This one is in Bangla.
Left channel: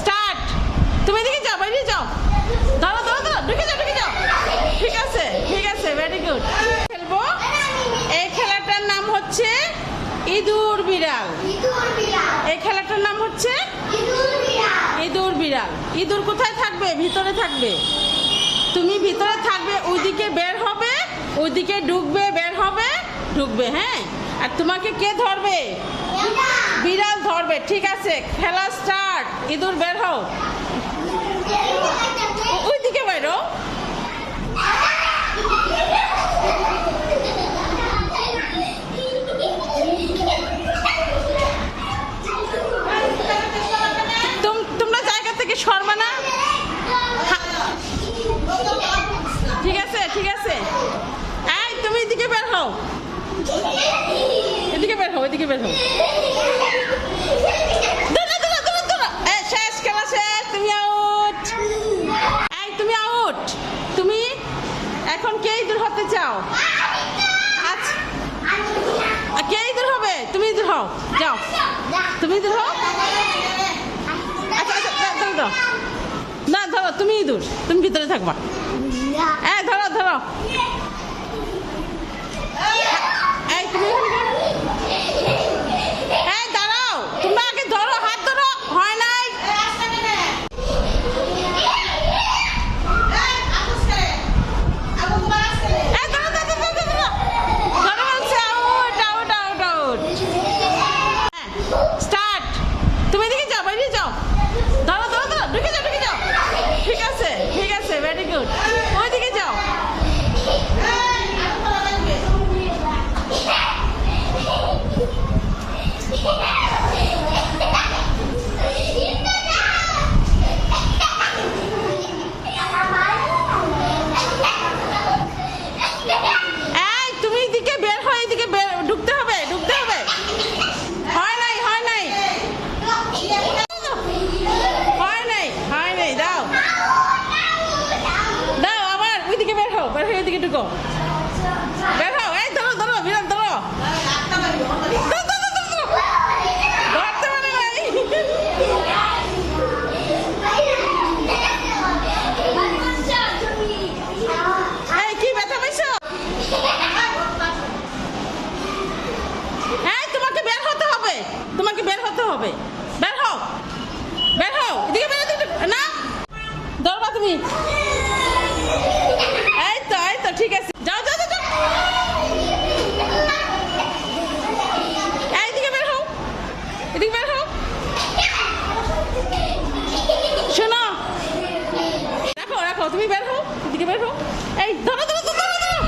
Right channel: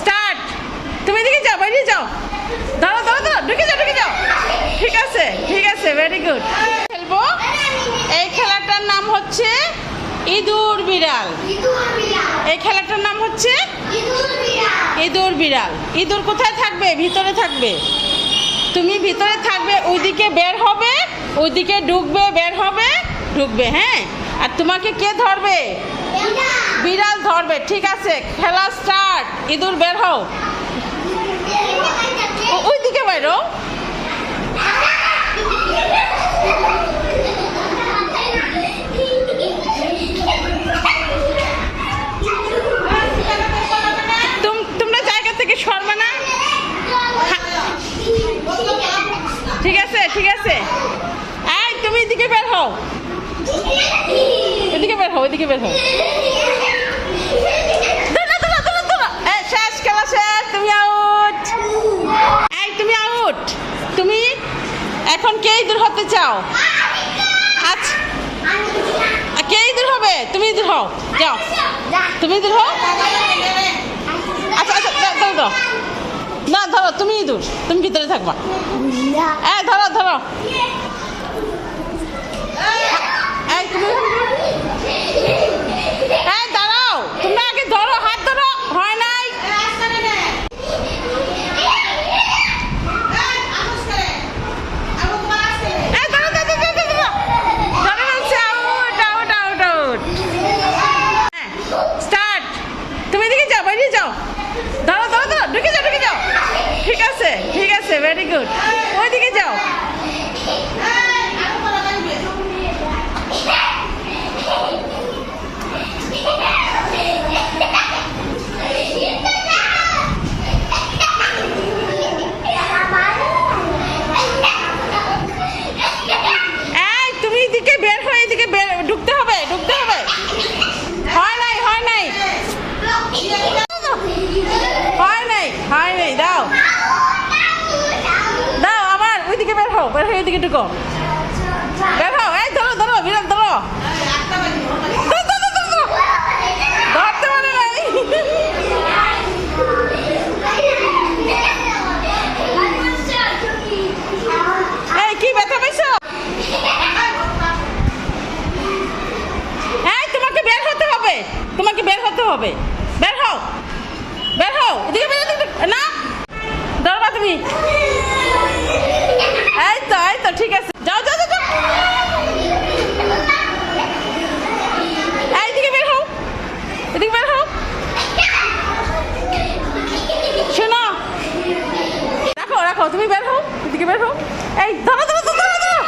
স্টার্ট। তুমি এদিকে যাও বাইরে যাও। দাঁড়া দাঁড়া দাঁড়া ঢুকে যাও ঢুকে যাও। ঠিক আছে ঠিক আছে ভেরি গুড খেলব? এই খেলাটার নাম হচ্ছে ইঁদুর বিড়াল। এই খেলাটার নাম হচ্ছে ইঁদুর বিড়াল। ইঁদুর কোথায় থাকবে? ভিতরে থাকবে। তুমি ভিতরে থাকবে ওইদিকে বের হবে ওইদিকে ঢুকবে বের হবে ঢুকবে হ্যাঁ? আর তোমাকে কে ধরবে? বিড়াল। ধরবে ঠিক আছে খেলা স্টার্ট ইঁদুর বের হও। ও- ওইদিকে বেরো তুম- তোমরা জায়গা থেকে সরবে না? ঠিক আছে ঠিক আছে। এই, তুমি এদিকে বের হও। এদিকে বের হও, এদিকে বের হও। এখন কে ইঁদুর হতে চাও? আচ্ছা কে ইঁদুর হবে? তুমি ইঁদুর হও। যাও। তুমি ইঁদুর হও? আচ্ছা আচ্ছা দাও না ধরো তুমি ইঁদুর তুমি ভিতরে থাকবা। হ্যাঁ ধরো ধরো এই তুমি এই দাঁড়াও তোমরা আগে ধরো হাত ধরো হয় নাই এই দাঁড়াও দাঁড়াও দাঁড়াও দাঁড়াও ধরে ফেলছে আউট আউট আউট স্টার্ট তুমি এদিকে যাও, বাইরে যাও। দাঁড়াও দাঁড়াও দাঁড়াও, ঢুকে যাও ঢুকে যাও। ঠিক আছে ঠিক আছে ভেরি গুড ওইদিকে যাও এই তুমি এদিকে বের হয়ে এদিকে বের- ঢুকতে হবে ঢুকতে হবে হয় নাই হয় নাই হয় নাই হয় নাই দাও দাও আবার ওইদিকে বের হয়ে এদিকে ঢুকো বের এই ধরো ধরো বিরাট ধরো। ধরো, ধরো, ধরো, ধরো। ধরতে পারে কি ব্যথা পাইছো? এই তোমাকে বের হতে হবে। তোমাকে বের হতে হবে। বের হও। বের হও। এদিকে না। ধরবা তুমি। এদিকে বের হও শোনো রাখো রাখো তুমি বের হও, এদিকে বের হও। এই, ধরো ধরো ধরো ধরো